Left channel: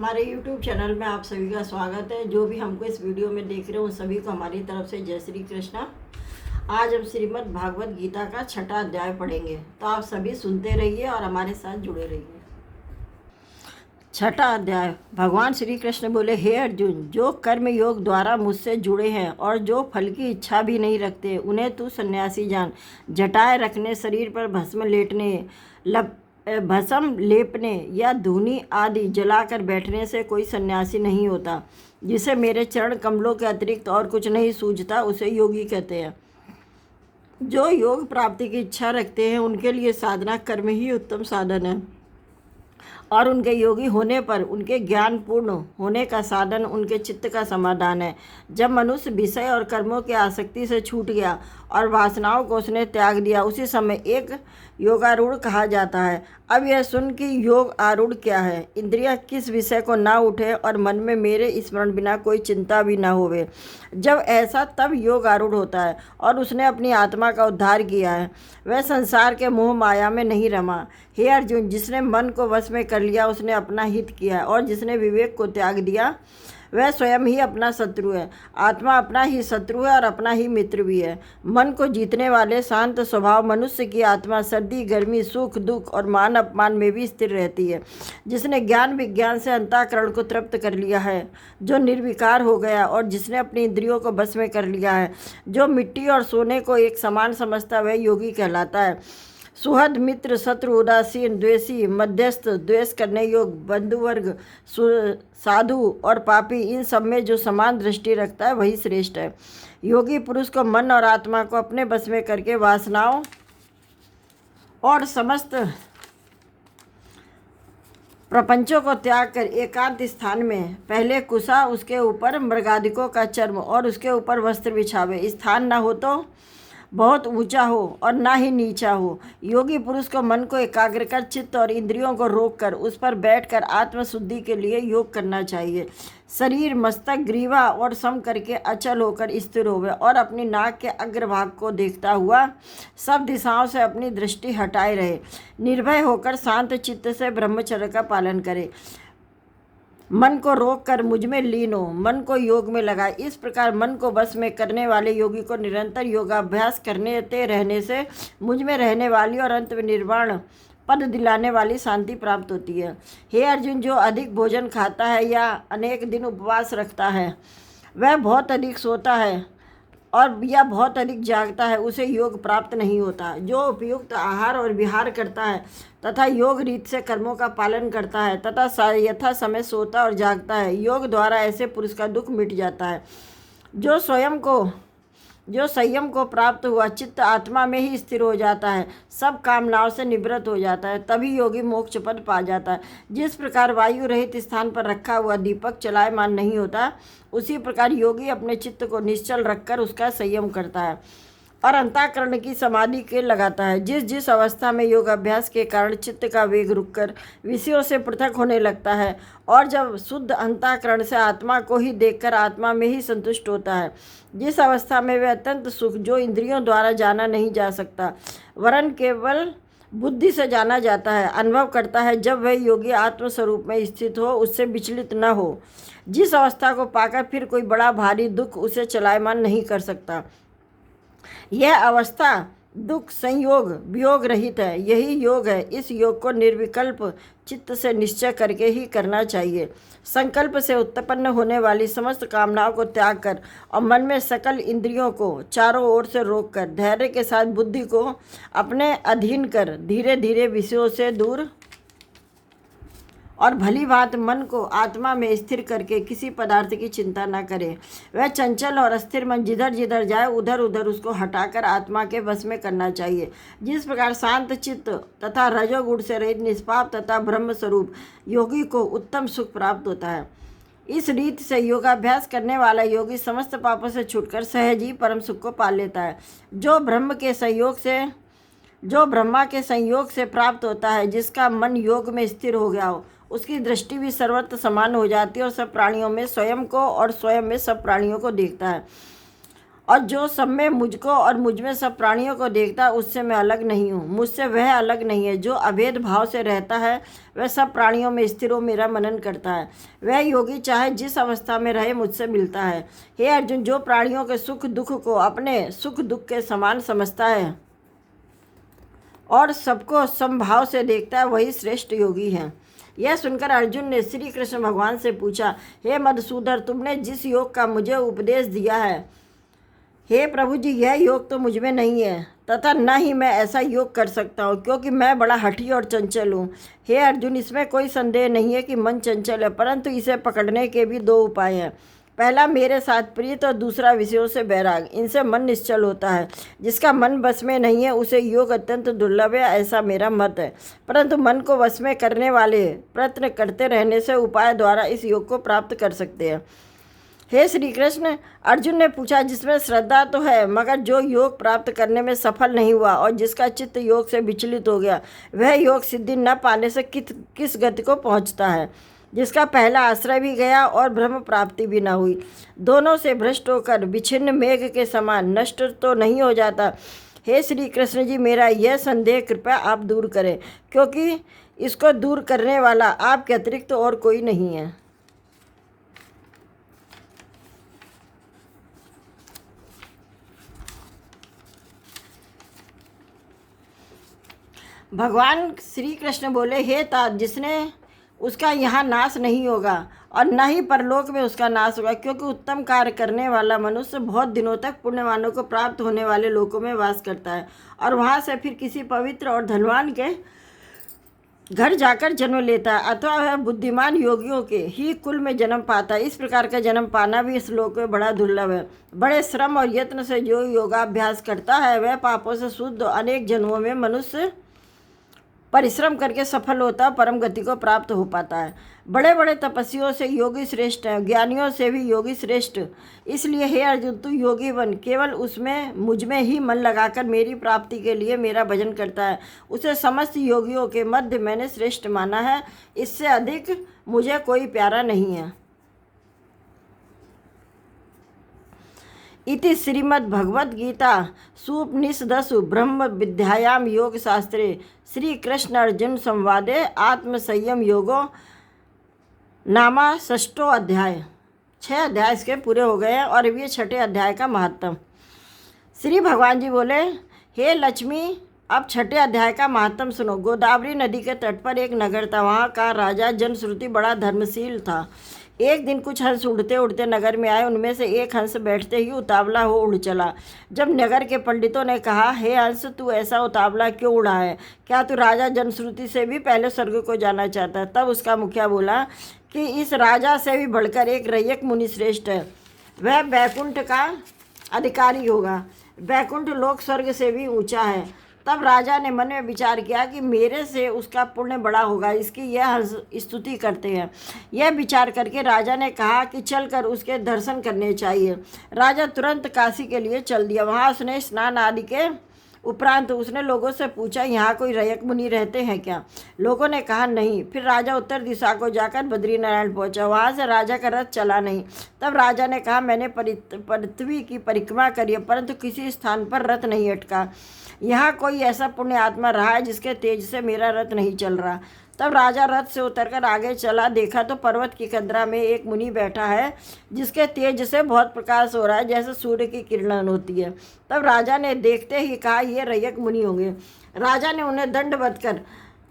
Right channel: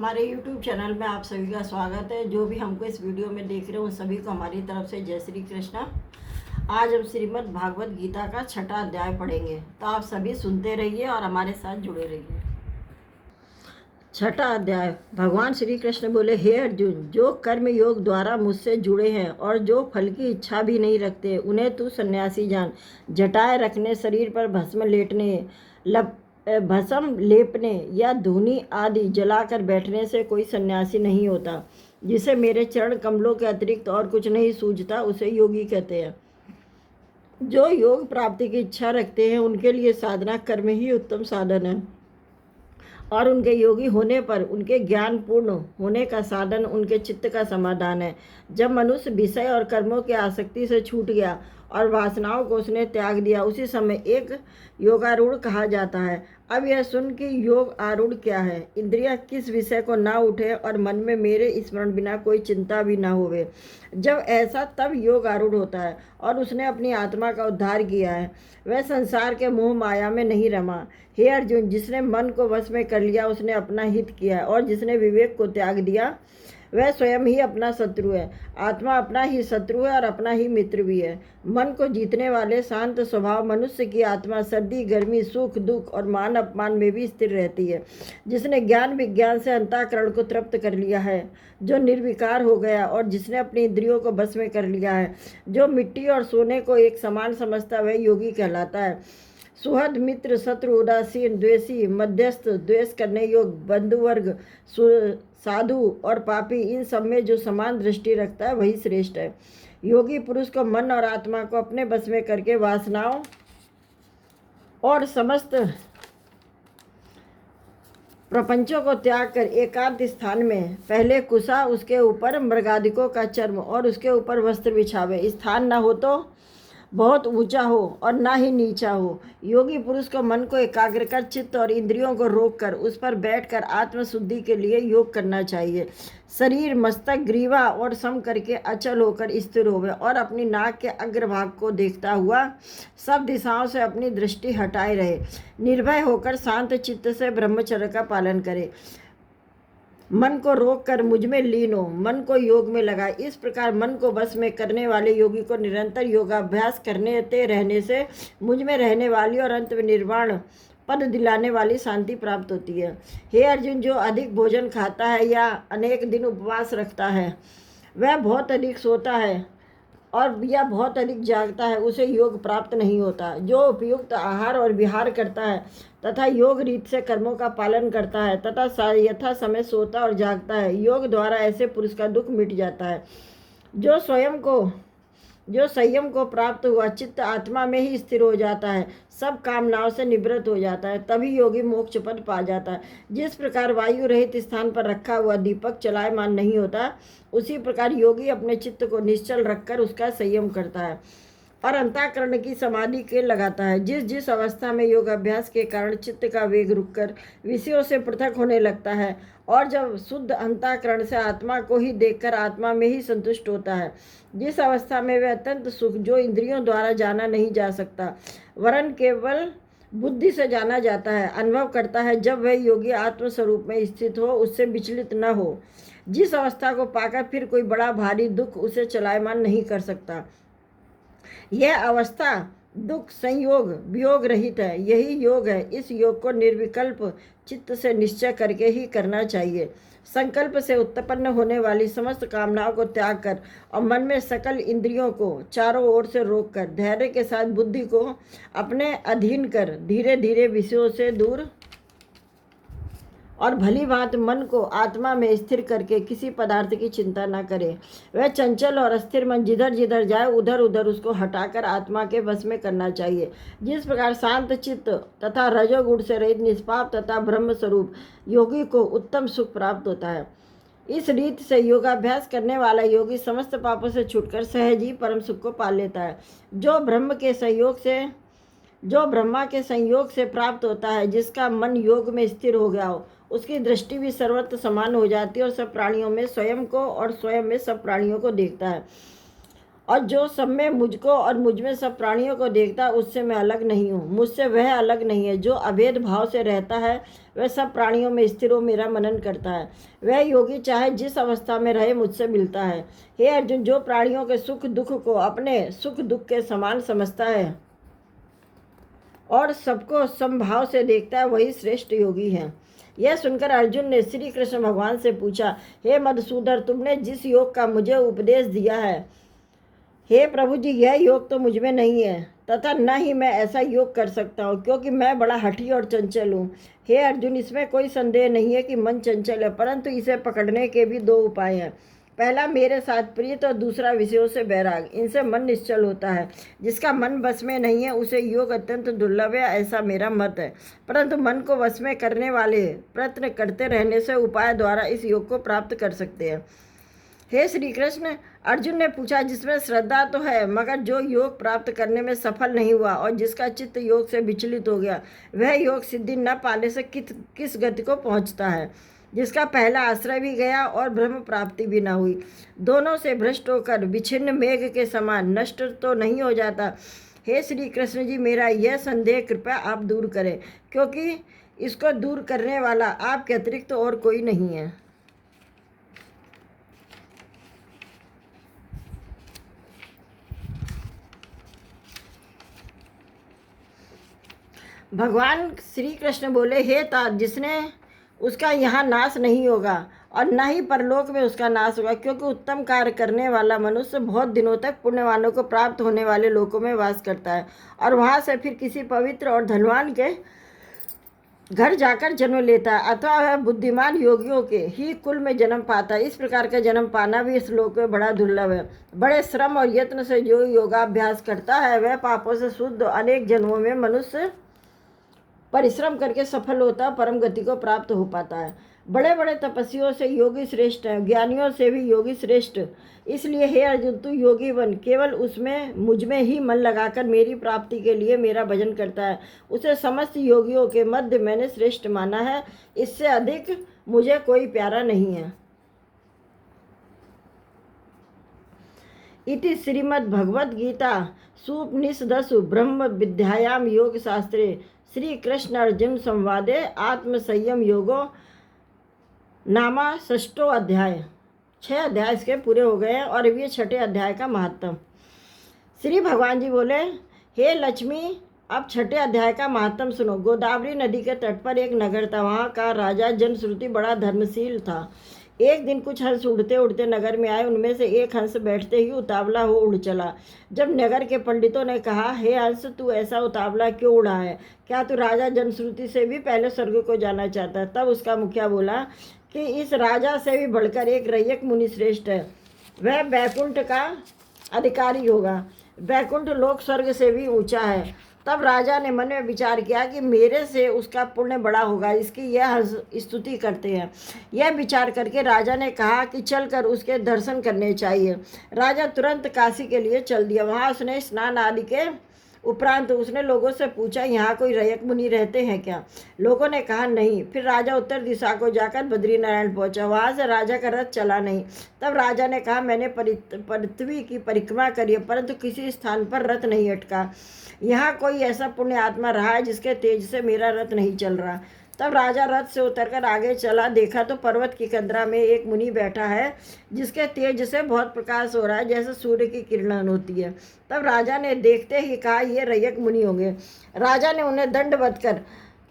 हमारे YouTube channel में आप सभी का स्वागत है। जो भी हमको इस वीडियो में देख रहे हैं उन सभी को हमारी तरफ से जय श्री कृष्णा। आज हम श्रीमद् भागवत गीता का 6वां अध्याय पढ़ेंगे, तो आप सभी सुनते रहिए और हमारे साथ जुड़े रहिए। 6वां अध्याय। भगवान श्री कृष्ण बोले, हे अर्जुन, जो कर्म योग द्वारा मुझसे जुड़े हैं और जो फल की इच्छा भी नहीं रखते, उन्हें तू सन्यासी जान। जटाएं रखने, शरीर पर भस्म लेपने या धूनी आदि जलाकर बैठने से कोई सन्यासी नहीं होता। जिसे मेरे चरण कमलों के अतिरिक्त और कुछ नहीं सूझता, उसे योगी कहते हैं। जो योग प्राप्ति की इच्छा रखते हैं उनके लिए साधना कर्म ही उत्तम साधन है, और उनके योगी होने पर उनके ज्ञान पूर्ण होने का साधन उनके चित्त का समाधान है। जब मनुष्य विषय और कर्मों की आसक्ति से छूट गया और वासनाओं को उसने त्याग दिया, उसी समय एक योगारूढ़ कहा जाता है। अब यह सुन कि योग आरूढ़ क्या है। इंद्रियां किस विषय को ना उठे और मन में मेरे स्मरण बिना कोई चिंता भी ना होवे। जब ऐसा तब योग आरूढ़ होता है और उसने अपनी आत्मा का उद्धार किया है। वह संसार के मोह माया में नहीं रमा। हे अर्जुन, जिसने मन को वश में कर लिया उसने अपना हित किया है, और जिसने विवेक को त्याग दिया वह स्वयं ही अपना शत्रु है। आत्मा अपना ही शत्रु है और अपना ही मित्र भी है। मन को जीतने वाले शांत स्वभाव मनुष्य की आत्मा सर्दी गर्मी सुख दुख और मान अपमान में भी स्थिर रहती है। जिसने ज्ञान विज्ञान से अंतःकरण को तृप्त कर लिया है, जो निर्विकार हो गया और जिसने अपनी इंद्रियों को बस में कर लिया है, जो मिट्टी और सोने को एक समान समझता, वह योगी कहलाता है। सुहृद मित्र शत्रु उदासीन द्वेषी मध्यस्थ द्वेष करने योग्य बंधुवर्ग साधु और पापी, इन सब में जो समान दृष्टि रखता है वही श्रेष्ठ है। योगी पुरुष को मन और आत्मा को अपने बस में करके वासनाओं और समस्त प्रपंचों को त्याग कर एकांत स्थान में पहले कुशा, उसके ऊपर मृगादिकों का चर्म और उसके ऊपर वस्त्र बिछावे। स्थान न हो तो बहुत ऊंचा हो और ना ही नीचा हो। योगी पुरुष को मन को एकाग्र कर चित्त और इंद्रियों को रोक कर उस पर बैठकर आत्मशुद्धि के लिए योग करना चाहिए। शरीर मस्तक ग्रीवा और सम करके अचल होकर स्थिर होवे और अपनी नाक के अग्रभाग को देखता हुआ सब दिशाओं से अपनी दृष्टि हटाए रहे। निर्भय होकर शांत चित्त से ब्रह्मचर्य का पालन करे। मन को रोक कर मुझ में लीन हो, मन को योग में लगाए। इस प्रकार मन को बस में करने वाले योगी को निरंतर योगाभ्यास करते रहने से मुझ में रहने वाली और अंत में निर्वाण पद दिलाने वाली शांति प्राप्त होती है। हे अर्जुन, जो अधिक भोजन खाता है या अनेक दिन उपवास रखता है, वह बहुत अधिक सोता है और या बहुत अधिक जागता है, उसे योग प्राप्त नहीं होता। जो उपयुक्त आहार और विहार करता है तथा योग रीत से कर्मों का पालन करता है तथा यथा समय सोता और जागता है, योग द्वारा ऐसे पुरुष का दुख मिट जाता है। जो संयम को प्राप्त हुआ चित्त आत्मा में ही स्थिर हो जाता है, सब कामनाओं से निवृत्त हो जाता है, तभी योगी मोक्ष पद पा जाता है। जिस प्रकार वायु रहित स्थान पर रखा हुआ दीपक चलायमान नहीं होता, उसी प्रकार योगी अपने चित्त को निश्चल रखकर उसका संयम करता है और अंतःकरण की समाधि के लगाता है। जिस जिस अवस्था में योगाभ्यास के कारण चित्त का वेग रुककर विषयों से पृथक होने लगता है और जब शुद्ध अंतःकरण से आत्मा को ही देखकर आत्मा में ही संतुष्ट होता है, जिस अवस्था में वह अत्यंत सुख जो इंद्रियों द्वारा जाना नहीं जा सकता वरन केवल बुद्धि से जाना जाता है, अनुभव करता है, जब वह योगी आत्मस्वरूप में स्थित हो, उससे विचलित न हो, जिस अवस्था को पाकर फिर कोई बड़ा भारी दुख उसे चलायमान नहीं कर सकता, यह अवस्था दुख संयोग वियोग रहित है। यही योग है। इस योग को निर्विकल्प चित्त से निश्चय करके ही करना चाहिए। संकल्प से उत्पन्न होने वाली समस्त कामनाओं को त्याग कर और मन में सकल इंद्रियों को चारों ओर से रोककर धैर्य के साथ बुद्धि को अपने अधीन कर धीरे धीरे विषयों से दूर और भली भांति मन को आत्मा में स्थिर करके किसी पदार्थ की चिंता न करे। वह चंचल और अस्थिर मन जिधर जिधर जाए उधर उधर उसको हटाकर आत्मा के वश में करना चाहिए। जिस प्रकार शांत चित्त तथा रजोगुण से रहित निष्पाप तथा ब्रह्म स्वरूप योगी को उत्तम सुख प्राप्त होता है, इस रीत से योगाभ्यास करने वाला योगी समस्त पापों से छूटकर सहज ही परम सुख को पा लेता है। जो ब्रह्मा के संयोग से प्राप्त होता है, जिसका मन योग में स्थिर हो गया हो, उसकी दृष्टि भी सर्वत्र समान हो जाती है और सब प्राणियों में स्वयं को और स्वयं में सब प्राणियों को देखता है और जो सब में मुझको और मुझ में सब प्राणियों को देखता है उससे मैं अलग नहीं हूँ, मुझसे वह अलग नहीं है। जो अभेद भाव से रहता है वह सब प्राणियों में स्थिर हो मेरा मनन करता है। वह योगी चाहे जिस अवस्था में रहे मुझसे मिलता है। हे अर्जुन, जो प्राणियों के सुख दुख को अपने सुख दुख के समान समझता है और सबको समभाव से देखता है वही श्रेष्ठ योगी है। यह सुनकर अर्जुन ने श्री कृष्ण भगवान से पूछा, हे मधुसूदन, तुमने जिस योग का मुझे उपदेश दिया है, हे प्रभु जी, यह योग तो मुझ में नहीं है तथा न ही मैं ऐसा योग कर सकता हूँ, क्योंकि मैं बड़ा हठी और चंचल हूँ। हे अर्जुन, इसमें कोई संदेह नहीं है कि मन चंचल है, परंतु इसे पकड़ने के भी दो उपाय हैं। पहला मेरे साथ प्रीत और दूसरा विषयों से बैराग। इनसे मन निश्चल होता है। जिसका मन वश में नहीं है उसे योग अत्यंत दुर्लभ है, ऐसा मेरा मत है। परंतु मन को वश में करने वाले प्रयत्न करते रहने से उपाय द्वारा इस योग को प्राप्त कर सकते हैं। हे श्री कृष्ण, अर्जुन ने पूछा, जिसमें श्रद्धा तो है मगर जो योग प्राप्त करने में सफल नहीं हुआ और जिसका चित्त योग से विचलित हो गया, वह योग सिद्धि न पाने से किस गति को पहुँचता है। जिसका पहला आश्रय भी गया और ब्रह्म प्राप्ति भी न हुई, दोनों से भ्रष्ट होकर विच्छिन्न मेघ के समान नष्ट तो नहीं हो जाता। हे श्री कृष्ण जी, मेरा यह संदेह कृपया आप दूर करें, क्योंकि इसको दूर करने वाला आपके अतिरिक्त तो और कोई नहीं है। भगवान श्री कृष्ण बोले, हे तात, जिसने उसका यहाँ नाश नहीं होगा और न ही परलोक में उसका नाश होगा, क्योंकि उत्तम कार्य करने वाला मनुष्य बहुत दिनों तक पुण्यवानों को प्राप्त होने वाले लोकों में वास करता है और वहाँ से फिर किसी पवित्र और धनवान के घर जाकर जन्म लेता है, अथवा वह बुद्धिमान योगियों के ही कुल में जन्म पाता है। इस प्रकार का जन्म पाना भी इस लोक में बड़ा दुर्लभ है। बड़े श्रम और यत्न से जो योगाभ्यास करता है वह पापों से शुद्ध अनेक जन्मों में मनुष्य परिश्रम करके सफल होता, परम गति को प्राप्त हो पाता है। बड़े बड़े तपस्वियों से योगी श्रेष्ठ है, ज्ञानियों से भी योगी श्रेष्ठ। इसलिए हे अर्जुन, तू योगी बन, केवल उसमें मुझ में ही मन लगाकर मेरी प्राप्ति के लिए मेरा भजन करता है, उसे समस्त योगियों के मध्य मैंने श्रेष्ठ माना है। इससे अधिक मुझे कोई प्यारा नहीं है। इति श्रीमद्भगवद्गीता सुपनिषदसु ब्रह्म विद्यायाम योग शास्त्रे श्री कृष्ण अर्जुन संवादे आत्मसंयम योगो नामा षष्ठो अध्याय। 6 अध्याय इसके पूरे हो गए हैं और ये 6ठे अध्याय का महत्व। श्री भगवान जी बोले, हे लक्ष्मी, अब 6ठे अध्याय का महत्व सुनो। गोदावरी नदी के तट पर एक नगर था। वहाँ का राजा जनश्रुति बड़ा धर्मशील था। एक दिन कुछ हंस उड़ते उड़ते नगर में आए। उनमें से एक हंस बैठते ही उतावला हो उड़ चला। जब नगर के पंडितों ने कहा, हे हंस, तू ऐसा उतावला क्यों उड़ा है? क्या तू राजा जनश्रुति से भी पहले स्वर्ग को जाना चाहता है? तब उसका मुखिया बोला कि इस राजा से भी बढ़कर एक रैयक मुनि श्रेष्ठ है। वह बैकुंठ का अधिकारी होगा। बैकुंठ लोक स्वर्ग से भी ऊंचा है। तब राजा ने मन में विचार किया कि मेरे से उसका पुण्य बड़ा होगा, इसकी यह स्तुति करते हैं। यह विचार करके राजा ने कहा कि चलकर उसके दर्शन करने चाहिए। राजा तुरंत काशी के लिए चल दिया। वहाँ उसने स्नान आदि के उपरांत उसने लोगों से पूछा, यहाँ कोई रैयक मुनि रहते हैं क्या? लोगों ने कहा नहीं। फिर राजा उत्तर दिशा को जाकर बद्रीनारायण पहुँचा। वहाँ से राजा का रथ चला नहीं। तब राजा ने कहा, मैंने पृथ्वी की परिक्रमा करी है, परंतु किसी स्थान पर रथ नहीं अटका। यहाँ कोई ऐसा पुण्य आत्मा रहा है जिसके तेज से मेरा रथ नहीं चल रहा। तब राजा रथ से उतरकर आगे चला। देखा तो पर्वत की कंदरा में एक मुनि बैठा है, जिसके तेज से बहुत प्रकाश हो रहा है, जैसे सूर्य की किरण होती है। तब राजा ने देखते ही कहा, ये रैयक मुनि होंगे। राजा ने उन्हें दंडवत कर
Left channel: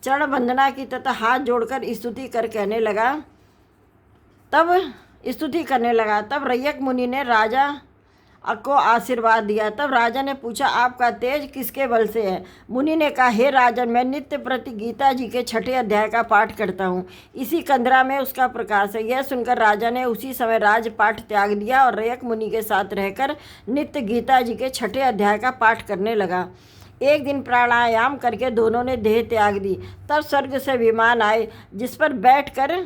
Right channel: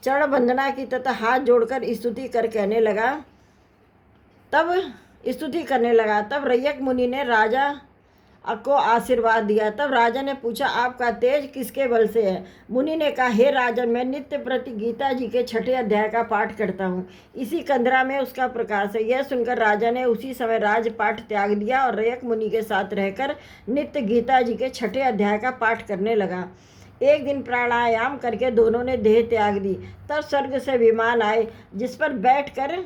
चरण वंदना की तथा हाथ जोड़कर स्तुति करने लगा। तब रैयक मुनि ने राजा को आशीर्वाद दिया। तब राजा ने पूछा, आपका तेज किसके बल से है? मुनि ने कहा, हे राजन, मैं नित्य प्रति गीता जी के 6ठे अध्याय का पाठ करता हूँ। इसी कंदरा में उसका प्रकाश है। यह सुनकर राजा ने उसी समय राजपाठ त्याग दिया और रैयक मुनि के साथ रहकर नित्य गीता जी के 6ठे अध्याय का पाठ करने लगा। एक दिन प्राणायाम करके दोनों ने देह त्याग दी। तब स्वर्ग से विमान आए, जिस पर बैठकर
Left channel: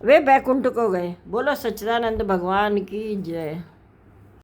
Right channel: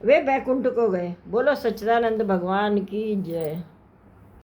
वे बैकुंठ को गए। बोलो सच्चिदानंद भगवान की जय।